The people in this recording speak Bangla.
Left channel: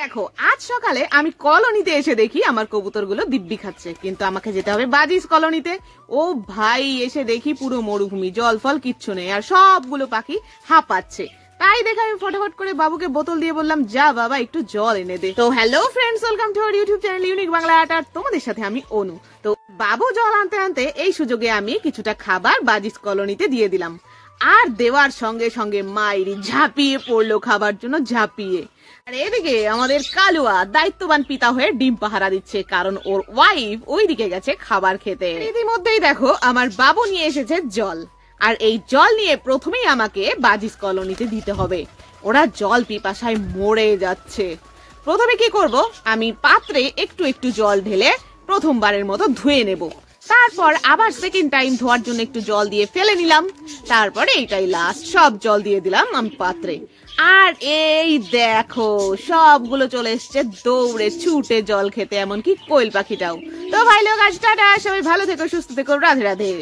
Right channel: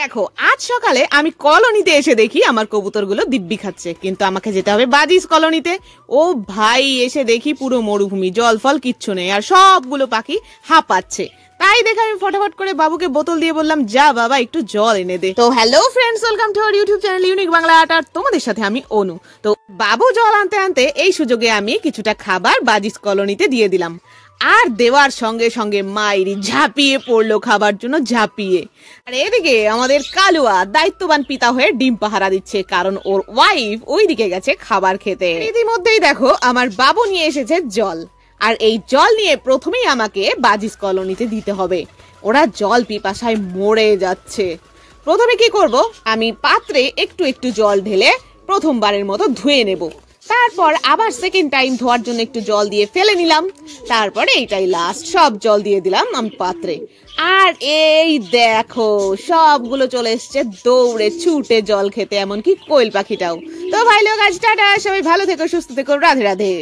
দেখো আজ সকালে আমি কলোনিতে এসে দেখি আমার কবুতরগুলো দিব্যি খাচ্ছে, কিন্তু আমাকে যেতে হবে বাজিস কলোনিতে। ও ভাই, এসে দেখি পুরো মরুভূমি, জল ফল কিচ্ছু নেই, আর সবগুলো পাখি হাঁপাচ্ছে। তাই দেখে আমি ফটাফট করে বাবুকে বোতল দিয়ে বললাম, যা বাবা একটু জল এনে দে। তো hello friends, welcome to our YouTube channel Unique Bangla Art. আর তোমাদের সাথে আমি অনু। তো বাবু জল আনতে আনতে এই সুযোগে আমি কিছুটা খাবার বাজিস কলোনিতে দিয়ে দিলাম, আর দেওয়ার সঙ্গে সঙ্গে মাইরি ঝাঁপিয়ে পড়লো খাবার জন্য, ঝাঁপিয়ে। আর এদিকে আমাদের কালুয়া দায়িত্ববান পিতা হয়ে ডিম পাহারা দিচ্ছে, কারণ ওর ওয়াইফ ওইদিকে গেছে খাবার খেতে। ইতিমধ্যেই দেখো আমার বাবু নিয়ে এসেছে জল, আর এই জল নিয়ে প্রথমেই আমাকে বাজিস কলোনিতে দিতে হবে। ওরা জল পিপাসায় মরে যাচ্ছে। প্রথমে কি করব, আমি পাত্রে একটু একটু জল ঢেলে প্রথমবারের মতো ধুয়ে নেব, তারপর আবার সেকেন্ড টাইম ধোয়ার জন্য একটু জল দিয়ে ফেলে নিলাম, তারপরে এইটাই লাস্ট, সব জল দিয়ে দিলাম আমি পাত্রে। আর এই দেখো সবগুলো চলে এসছে দৌড়ে ছুটে জল খেতে, এমনকি কোয়েল পাখিটাও। তো ভাই লোক, আজ টাটা, সবাই ভালো থেকো, সুস্থ থেকো, রাধে রাধে।